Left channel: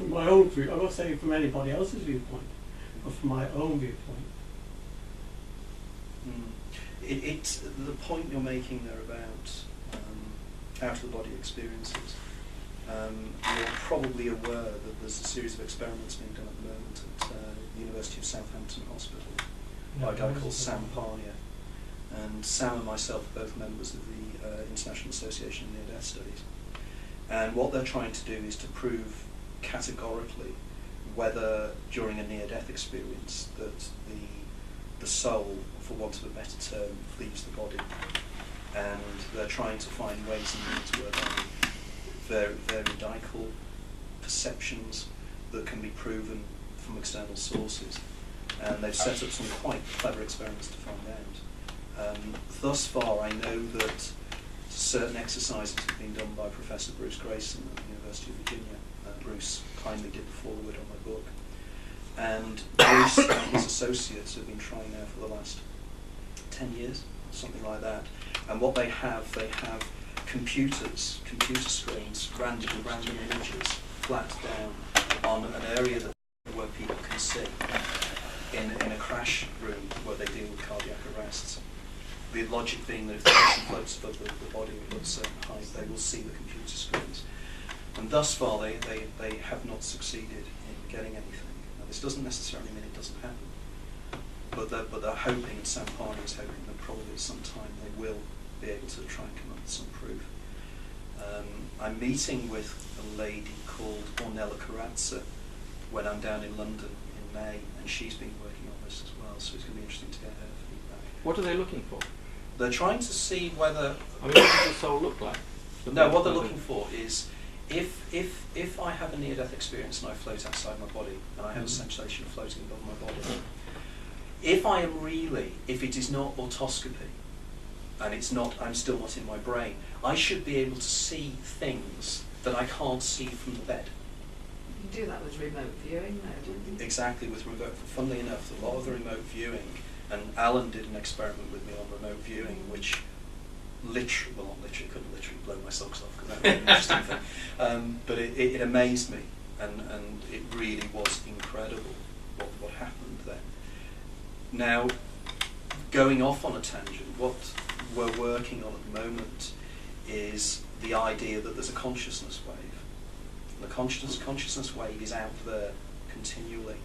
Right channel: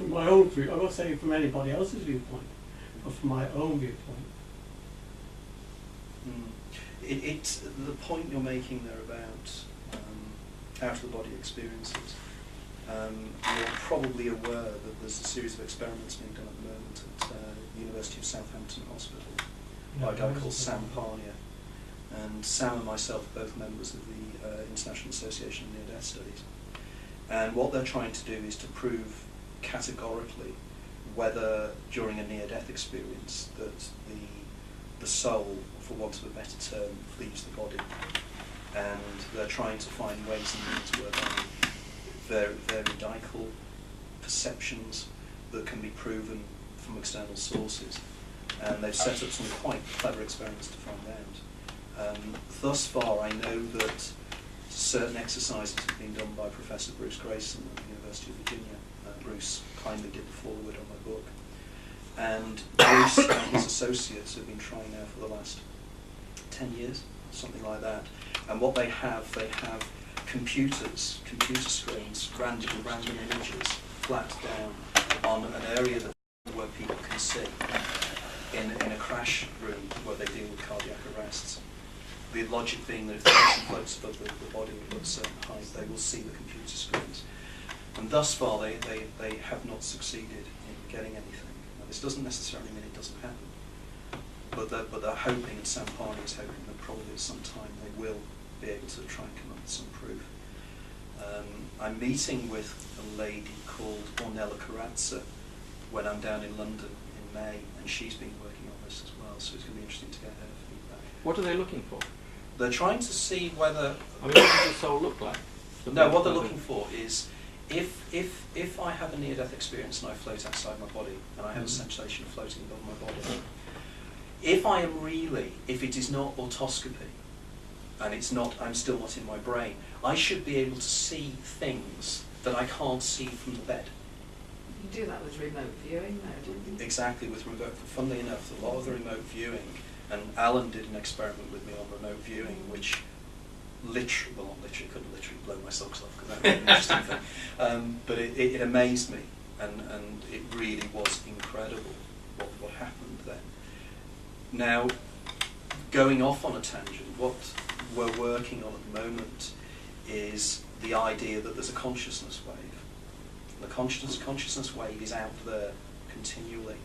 from my own view. I'm not saying from anybody else's viewpoint, but from my own viewpoint. It's the point you're making there about out-of-the-body experiences. You're probably aware that there's a series of experiments being done at the moment at the University of Southampton Hospital by a guy called Sam Parnia. And Sam and myself are both members of the International Association of Near-Death Studies. And what they're trying to do is to prove categorically whether during a near-death experience that the soul, for want of a better term, leaves the body. And they're trying to find ways and means whereby veridical perceptions that can be proven from external sources. And they've set up some quite clever experiments to find out. Thus far, I know that certain exercises have been done by Professor Bruce Grayson at the University of Virginia. Bruce kindly did the foreword on my book. And Bruce and his associates have been trying now for the last 10 years, something like that. And what they have computer screens, random images, flat down on an area where people can see in a crash room where they deal with cardiac arrests. The logic being that if the person floats above the body at a certain height, they will see the computer screens. And thus far, they have not succeeded in getting anything. Now, this doesn't necessarily mean it doesn't happen, but they're hoping, and Sam Parnia is hoping that probably at some time they will be able to try and come up with some proof. I'm meeting with a lady called Ornella Corazza when I'm down in London in May, and she's been working on this as well, so it's going to be interesting to get her feedback. What are they looking for? They're trying to see whether... I mean, what does the soul look like? No, what they're looking for is if I have a near-death experience and I float outside my body, and I have a sensation of floating above my body, if it is not autoscopy, and I'm still not in my brain, I should be able to see things that I can't see from the bed. You do that with remote viewing, though, don't you? Exactly, with remote. Funnily enough, a lot of the remote viewing, and Alan did an experiment with me on remote viewing, which couldn't literally blow my socks off, because that was an interesting thing. But it amazed me, and it really was incredible what happened then. Now, going off on a tangent, what we're working on at the moment is the idea that there's a consciousness wave. The consciousness wave is out there continually.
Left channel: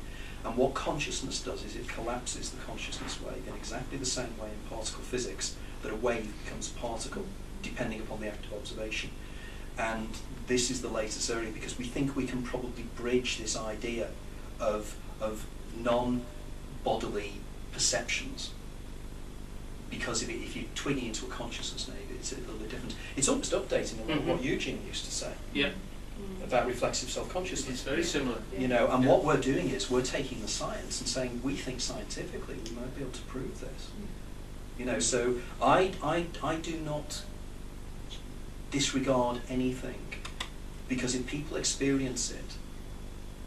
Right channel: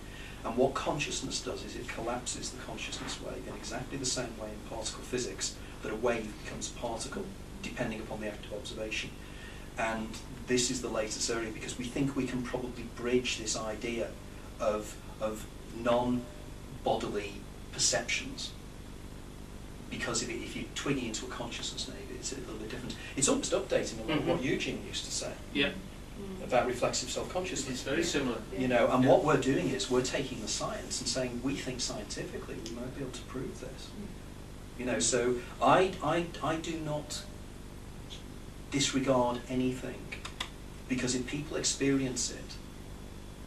And what consciousness does is it collapses the consciousness wave in exactly the same way in particle physics that a wave becomes a particle, depending upon the act of observation. And this is the latest area because we think we can probably bridge this idea of non-bodily perceptions. Because if you twig it into a consciousness, maybe it's a little bit different. It's almost updating a lot of what Eugene used to say. Yeah. About reflexive self-consciousness. It's very similar. You know, and what we're doing is we're taking the science and saying we think scientifically we might be able to prove this. You know, so I do not disregard anything, because if people experience it,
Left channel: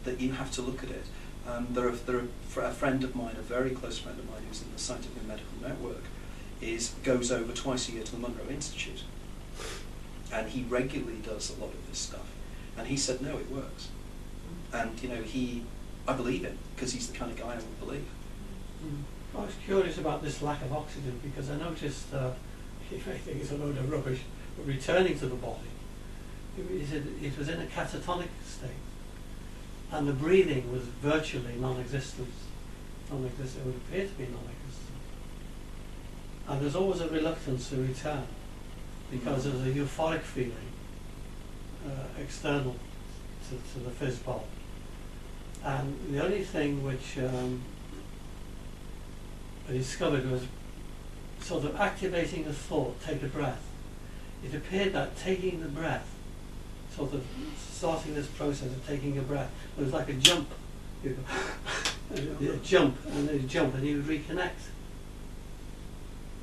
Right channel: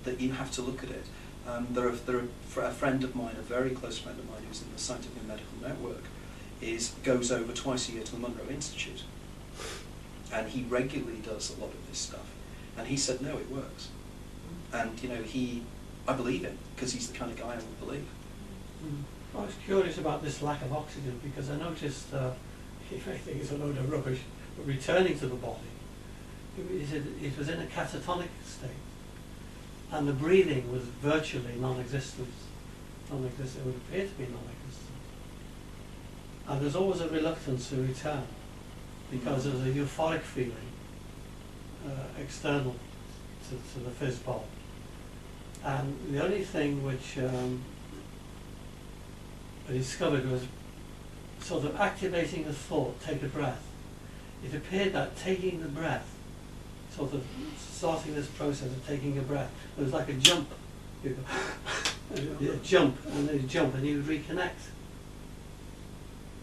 that you have to look at it. A friend of mine, a very close friend of mine, who's in the Scientific and Medical Network, goes over twice a year to the Monroe Institute, and he regularly does a lot of this stuff. And he said, no, it works. And, you know, I believe him, because he's the kind of guy I would believe. I was curious about this lack of oxygen, because I noticed, if I think it's a load of rubbish, but returning to the body, it was in a catatonic state, and the breathing was virtually non-existent. It would appear to be non-existent. And there's always a reluctance to return, because there's a euphoric feeling external to the fizz bulb. And the only thing which I discovered was sort of activating the thought, take a breath. It appeared that taking the breath, sort of starting this process of taking a breath, it was like a jump. You go, jump, and then you jump, and you reconnect.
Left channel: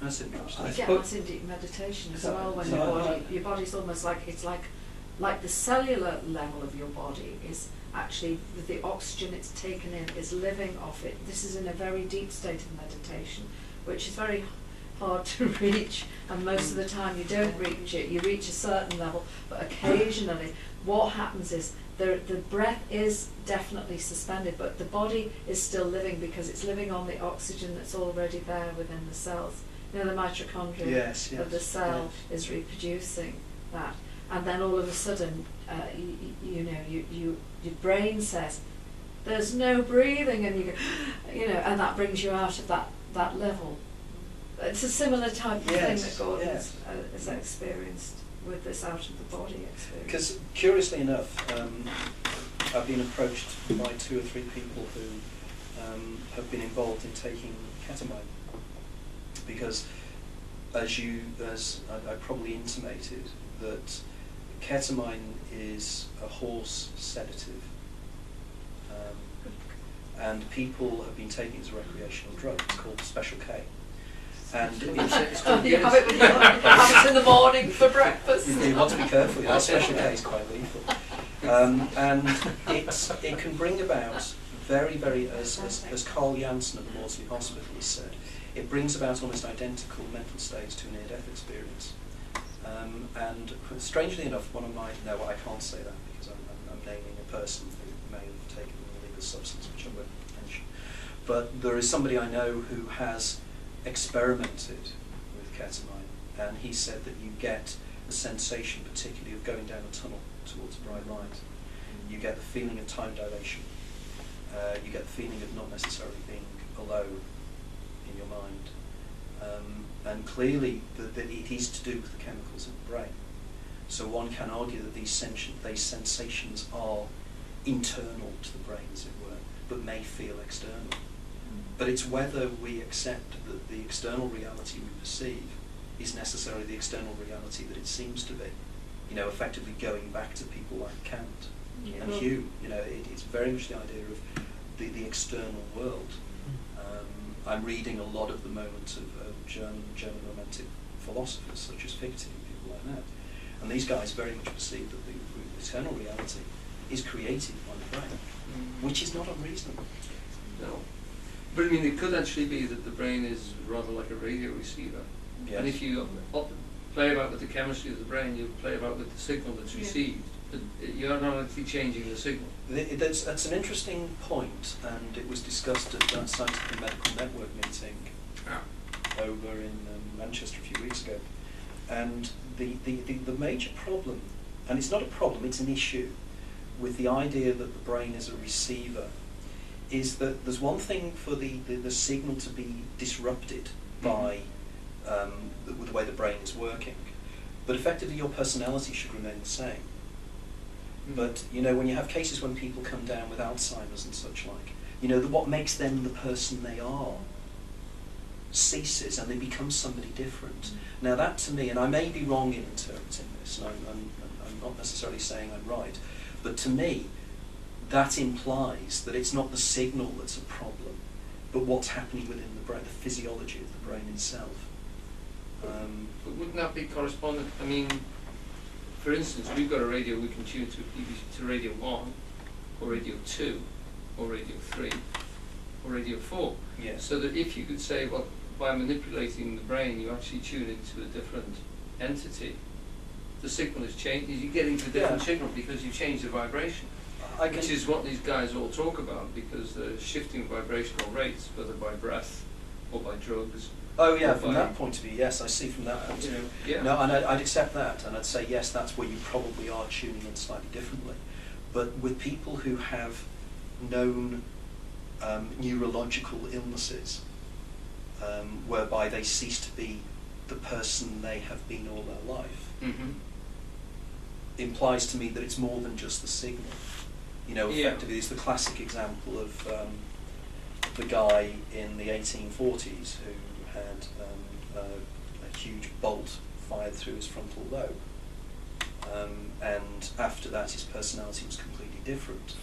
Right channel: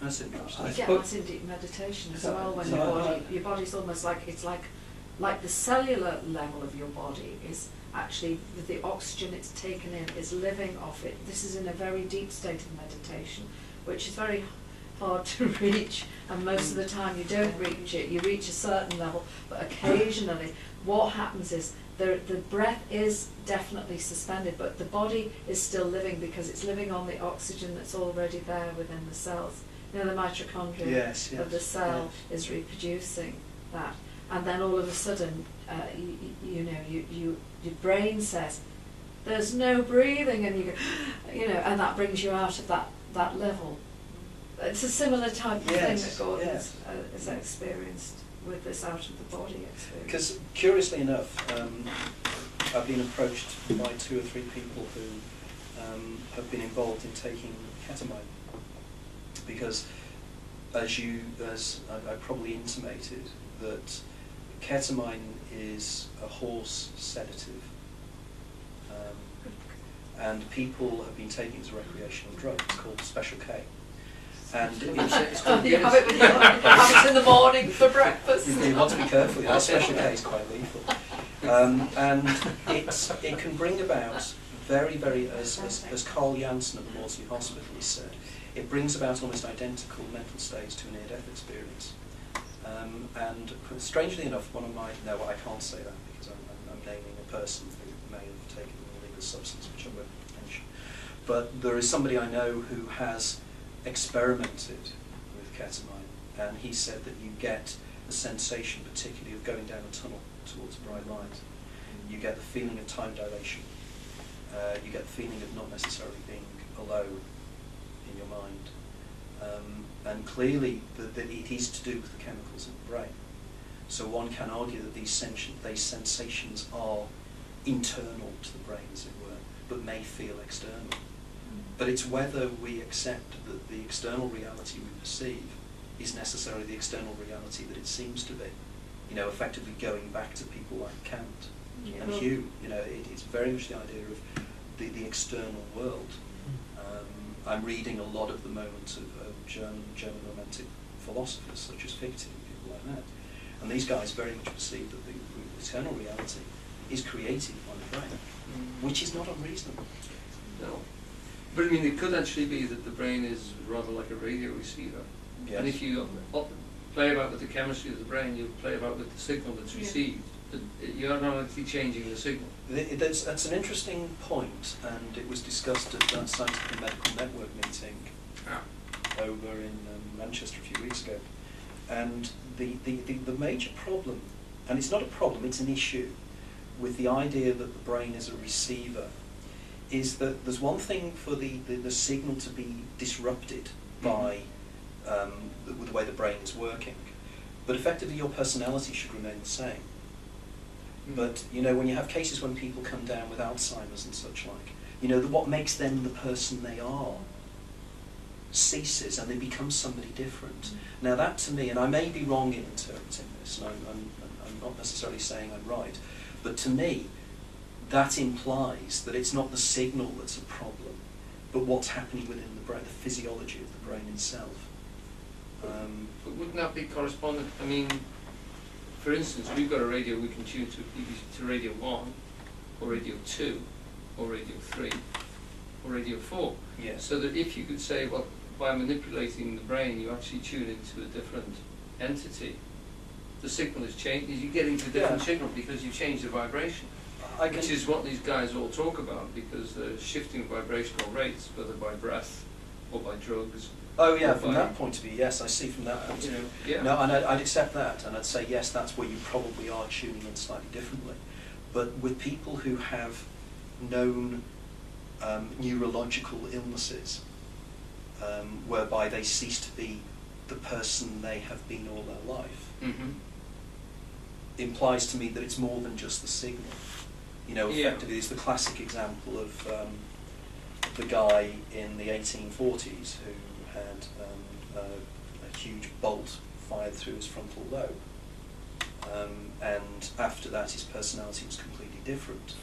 That's interesting. You get that in deep meditation as well, when your body's almost like, it's like the cellular level of your body is actually, with the oxygen it's taken in, is living off it. This is in a very deep state of meditation, which is very hard to reach, and most of the time you don't reach it. You reach a certain level, but occasionally what happens is the breath is definitely suspended, but the body is still living because it's living on the oxygen that's already there within the cells. You know, the mitochondria Yes, of the cell is reproducing that, and then all of a sudden, your brain says, "There's no breathing," and you go, and that brings you out of that level. It's a similar type of thing that Gordon has experienced with this out of the body experience. Because curiously enough, I've been approached by 2 or 3 people who have been involved in taking ketamine, because as I probably intimated, that ketamine is a horse sedative, and people have been taking it as a recreational drug. It's called Special K. And it's called you have it with have it in the morning for breakfast. You want to be careful. That Special K is quite lethal, and it can bring about very, very, as Carl Janssen at the Maudsley Hospital has said, it brings about almost identical mental states to a near-death experience. And strangely enough, I can't say that because I'm naming a person who may have taken an illegal substance, which I won't mention. But there is somebody I know who has experimented with ketamine, and he said that you get the sensation, particularly of going down a tunnel towards a bright light. You get the feeling of time dilation. You get the feeling of not necessarily being alone in your mind. And clearly it is to do with the chemicals in the brain. So one can argue that these sensations are internal to the brain, as it were, but may feel external. But it's whether we accept that the external reality we perceive is necessarily the external reality that it seems to be. Effectively going back to people like Kant and Hume. It's very much the idea of the external world. I'm reading a lot at the moment of German romantic philosophers such as Fichte and people like that. And these guys very much perceive that the external reality is created by the brain, which is not unreasonable. No. But I mean, it could actually be that the brain is rather like a radio receiver. Yes. And if you play about with the chemistry of the brain, you play about with the signal that's received. You are not actually changing the signal. That's an interesting point, and it was discussed at that Scientific Medical Network meeting over in Manchester a few weeks ago. And the major problem, and it's not a problem, it's an issue, with the idea that the brain is a receiver, is that there's one thing for the signal to be disrupted by the way the brain is working, but effectively your personality should remain the same. But when you have cases when people come down with Alzheimer's and such like, what makes them the person they are ceases, and they become somebody different. Now that to me, and I may be wrong in interpreting this, and I'm not necessarily saying I'm right, but to me, that implies that it's not the signal that's a problem, but what's happening within the brain, the physiology of the brain itself. But wouldn't that be correspondent? I mean, for instance, we've got a radio we can tune to Radio 1, or Radio 2, or Radio 3, or Radio 4. Yes. So that if you could say, well, by manipulating the brain, you actually tune into a different entity, the signal is changed. You get into a different signal because you change the vibration, which is what these guys all talk about, because they're shifting vibrational rates, whether by breath or by drugs. Oh yeah, from that point of view, yes, I see from that point of view. Yeah. No, and I'd accept that, and I'd say yes, that's where you probably are tuning in slightly differently. But with people who have known neurological illnesses, whereby they cease to be the person they have been all their life, implies to me that it's more than just the signal. Effectively, it's the classic example of the guy in the 1840s who had a huge bolt fired through his frontal lobe, and after that his personality was completely different.